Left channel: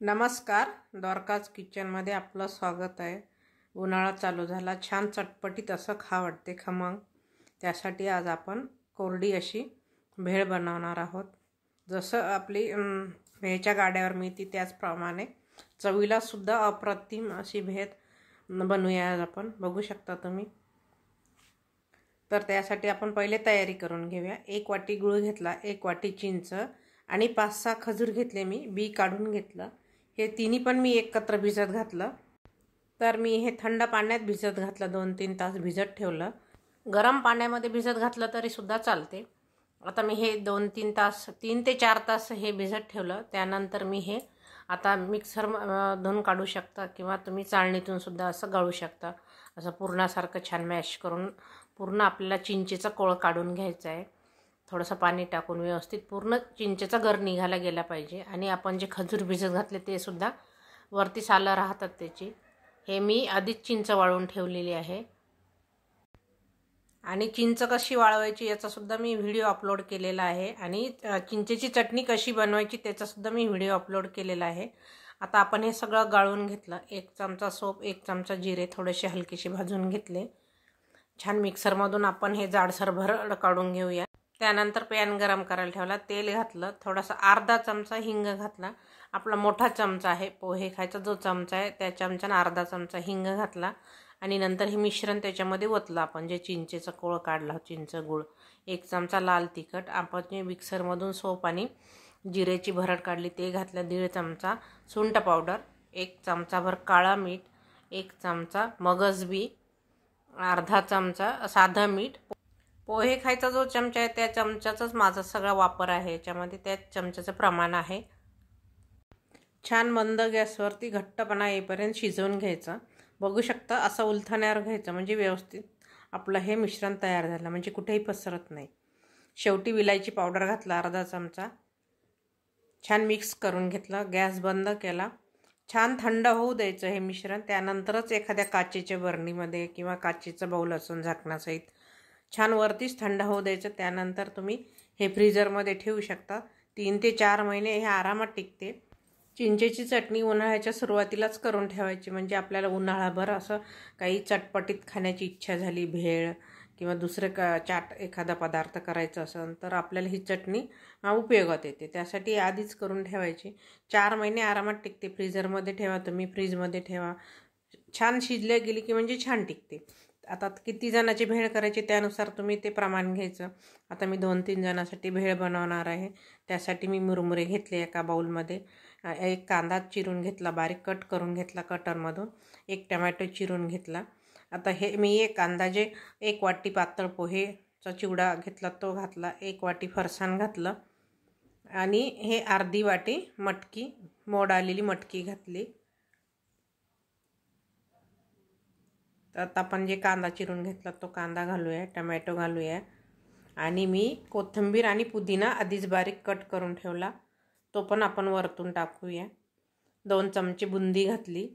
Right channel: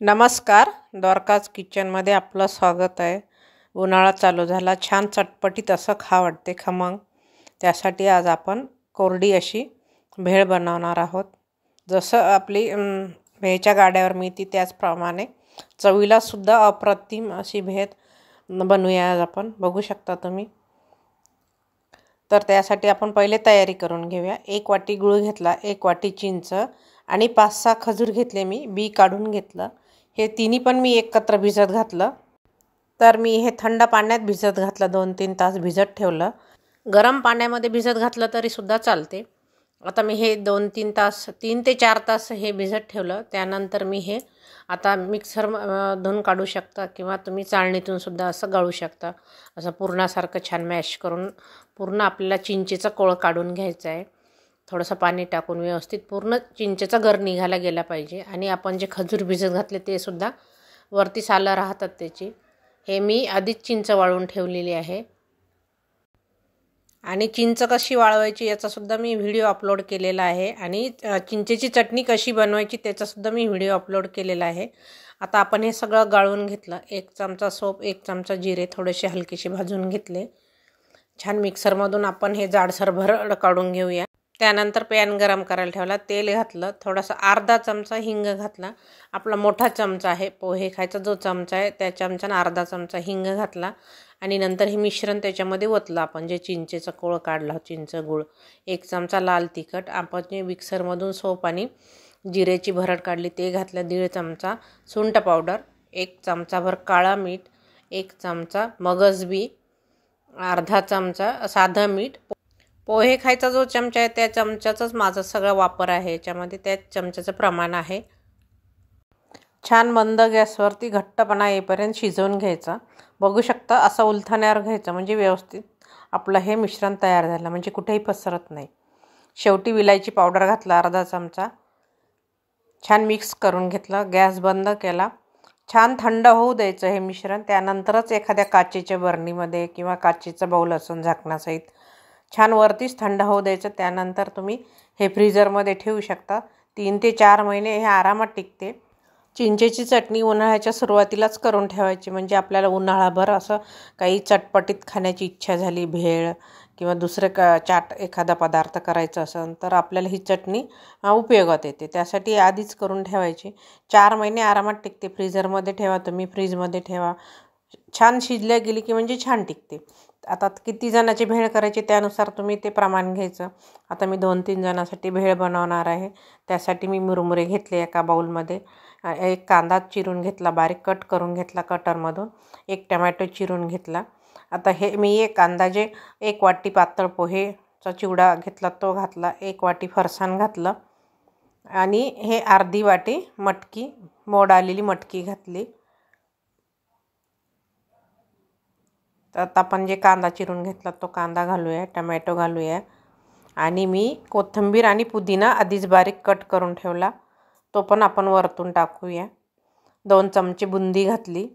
नमस्कार, द्वारकाज किचनमध्ये आपलं स्वागत आहे। उन्हाळा चालू झाला, छान चटपटीत असं खा वाटते खमंग। त्यासाठी आज आपण कोरडी अशी भेळ बनवणार आहोत। जसं आपली भेळच्या गाड्यावर मिळते त्याचप्रमाणे चवीला सुद्धा अप्रतिम अशी भेळ बनवूया आज आपण। बघू शकता तुम्ही। तर त्यासाठी आपण पहिले तयारी करून घेऊया। 1 वाटी गूळ घेतला, 1 वाटी चिंच आणि 5-6 खजूर घेतले, मी बी काढून घेतलं। हे तिन्ही पण मी एकत्र भिजत घातलं। तर मी हे थंड पाण्यात भिजत घातलं, 2-3 तास भिजत ठेवलं। गरम पाण्यामध्ये भिजत घातलं तरी सुद्धा चालते। आता मी हे 2-3 तास 3 ते 4 तास हे भिजत ठेवलं। त्यानंतर मी हे आता मिक्सर धुवून काढू शकता किंवा तुम्ही चाळणीतून सुद्धा असं गाळू शकता। असं पूर्णासारखं छान मॅश करून पूर्ण आपल्याला चिंचेचा कोळ काढून घ्यायचा आहे। थोडंसं पाणी टाकून व्यवस्थित पूर्ण चिंचेचा गर निघायला गेला पाहिजे। आणि आपण जे खजूर भिजत घातले ते सुद्धा वरती सालं राहतात त्याची। हे मी आधीच चिंच वाळवून ठेवलेली आहे। आणि चिंच कशी वाळवायची याचा सुद्धा मी व्हिडिओ अपलोड केलेला आहे। आणि चिंचेची चटणी कशी बनवायची त्याचा सुद्धा मी व्हिडिओ अपलोड केलेला आहे। आता आपण हे सगळं गाळून घेतलं। 1 चमचा सोप, 1 चमचा जिरे थोडेसे हलकेसे भाजून घेतले। छान मिक्सरमधून आपण हे जाडसर भरड काढून घेऊया। त्यानंतर पॅन गरम करायला ठेवला, तेल घातलं, थोडासा अर्धा चमचा हिंग घातला। आपला मोठा चमचा आहे पोहे खायचा जो चमचा आहे त्या चमचाने अर्धा चमचा हिंग घातला। आणि नंतर हे मिश्रण त्याच्यामध्ये ओतलं आपण जे चिंचेचा कोळ काढला, चिंच गूळ, 1 चमचा लाल तिखट, आपण जे मिक्सरमधून सोप आणि जिरेची भरड काढली ते घातलं, 1.5 चमचा सुंठ पावडर, 1 चमचाभर काळा मीठ, 1 चमचा मगजबी, अर्धा चमचा साधं मीठ। पोहे खायचा जो चमचा आहे त्या चमच्याचाच माझा सगळा वापर आहे याच्यामध्ये, त्याच चमच्याचं प्रमाण आहे। छान मंद गॅसवरती घट्टपणा येईपर्यंत शिजवून घ्यायचा। बघू शकता असं उलथण्यावर घ्यायचं म्हणजे व्यवस्थित आपलं हे मिश्रण तयार झालं, म्हणजे कुठेही पसरत नाही। शेवटी विलायची पावडर घातला अर्धा चमचा, छान मिक्स करून घेतलं, गॅस बंद केला। छान थंड होऊ द्यायचं हे मिश्रण। त्यानंतरच एखाद्या काचेच्या बरणीमध्ये किंवा काचेचा बाउल असून झाकणासहित छान वरतीच थंड होऊ द्यायचं। त्यानंतर तुम्ही हे फ्रीजरमध्ये ठेवू शकता। 3 ते 4 महिने हे आरामात टिकते। चिंचेची चटणी उन्हाळ्याच्या सुरुवातीलाच करून ठेवायची, म्हणजे आपल्याला उन्हाळाभर असं काही चटपटीत खाण्याची इच्छा झाली, भेळ किंवा दुसरे चाट एखादा पदार्थ करायचा असेल तर आपल्याला ही चटणी उपयोगात येते। त्यासाठी आधीच करून ठेवायची। 4 महिने आरामात टिकते। फ्रीजरमध्ये ठेवा तुम्ही, फ्रीजमध्ये ठेवा, छान शिजल्या गेली की म्हणजे छान टिकते। आता किती जणांची भेळ करायची त्यानुसार तुम्ही ते प्रमाण घ्यायचं। आता मी 2-3 जणांसाठी भेळ बनवणार आहे। त्यासाठी मी मुरमुरे घेतले एका बाउलमध्ये, 1 कांदा चिरून घेतला, बारीक कट करून घेतला कटरमधून, 1 टमॅटो चिरून घेतला। आता हे मी एक अंदाजे 1 वाटी पातळ पोहेचा चिवडा घेतला तो घातला, 1 वाटी फरसाण घातलं आणि हे अर्धी वाटी मटकी, मोड आलेली मटकी घातली। आता आपण जे कांदा चिरून घेतला तो कांदा घालूया, टमॅटो घालूया आणि मी कोथिंबीर आणि पुदिना आधीच बारीक कट करून ठेवला तो पण आपण वरतून टाकूया। 2 चमचे बुंदी घातली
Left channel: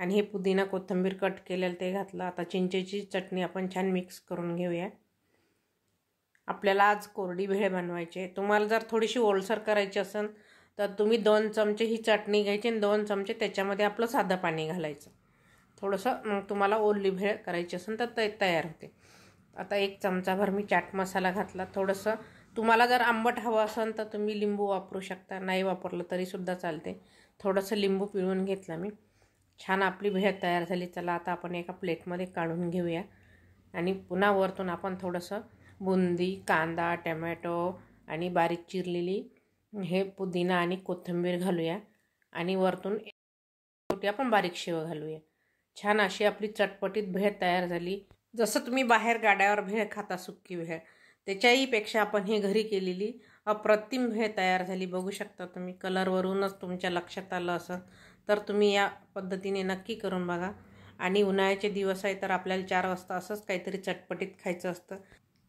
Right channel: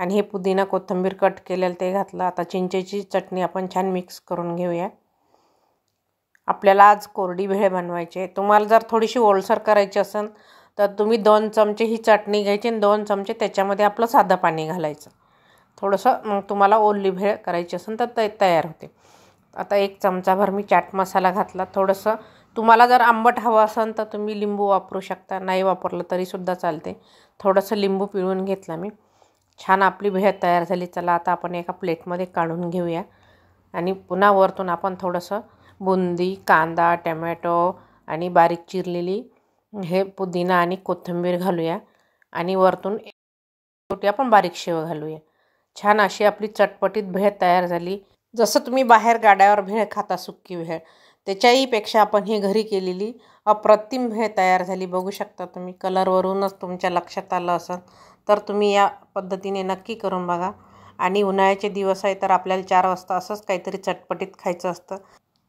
आणि हे पुदिना कोथिंबीर कट केलेलं ते घातलं। आता चिंचेची चटणी आपण छान मिक्स करून घेऊया। आपल्याला आज कोरडी भेळ बनवायची आहे। तुम्हाला जर थोडीशी ओलसर करायची असेल तर तुम्ही 2 चमचे ही चटणी घ्यायची आणि 2 चमचे त्याच्यामध्ये आपलं साधं पाणी घालायचं। थोडंसं तुम्हाला ओली भेळ करायची असेल तर ते तयार होते। आता 1 चमचाभर मी चाट मसाला घातला। थोडंसं तुम्हाला जर आंबट हवं असेल तर तुम्ही लिंबू वापरू शकता, नाही वापरलं तरीसुद्धा चालते। थोडंसं लिंबू पिळून घेतला मी। छान आपली भेळ तयार झाली। चला आता आपण एका प्लेटमध्ये काढून घेऊया आणि पुन्हा वरतून आपण थोडंसं बुंदी, कांदा, टमॅटो आणि बारीक चिरलेली हे पुदिना आणि कोथिंबीर घालूया आणि वरतून शेवटी आपण बारीक शेव घालूया। छान अशी आपली चटपटीत भेळ तयार झाली। जसं तुम्ही बाहेर गाड्यावर भेळ खाता सुक्की भेळ, त्याच्याही पेक्षा आपण ही घरी केलेली अप्रतिम भेळ तयार झाली। बघू शकता तुम्ही, कलरवरूनच तुमच्या लक्षात आलं असेल तर तुम्ही या पद्धतीने नक्की करून बघा। आणि उन्हाळ्याचे दिवस आहे तर आपल्याला 4 वाजता असंच काहीतरी चटपटीत खायचं असतं,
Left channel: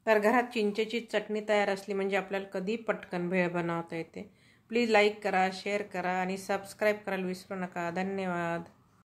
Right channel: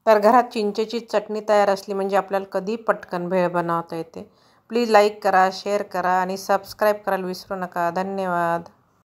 तर घरात चिंचेची चटणी तयार असली म्हणजे आपल्याला कधी पटकन भेळ बनवता येते। प्लीज लाईक करा, शेअर करा आणि सबस्क्राईब करायला विसरू नका। धन्यवाद।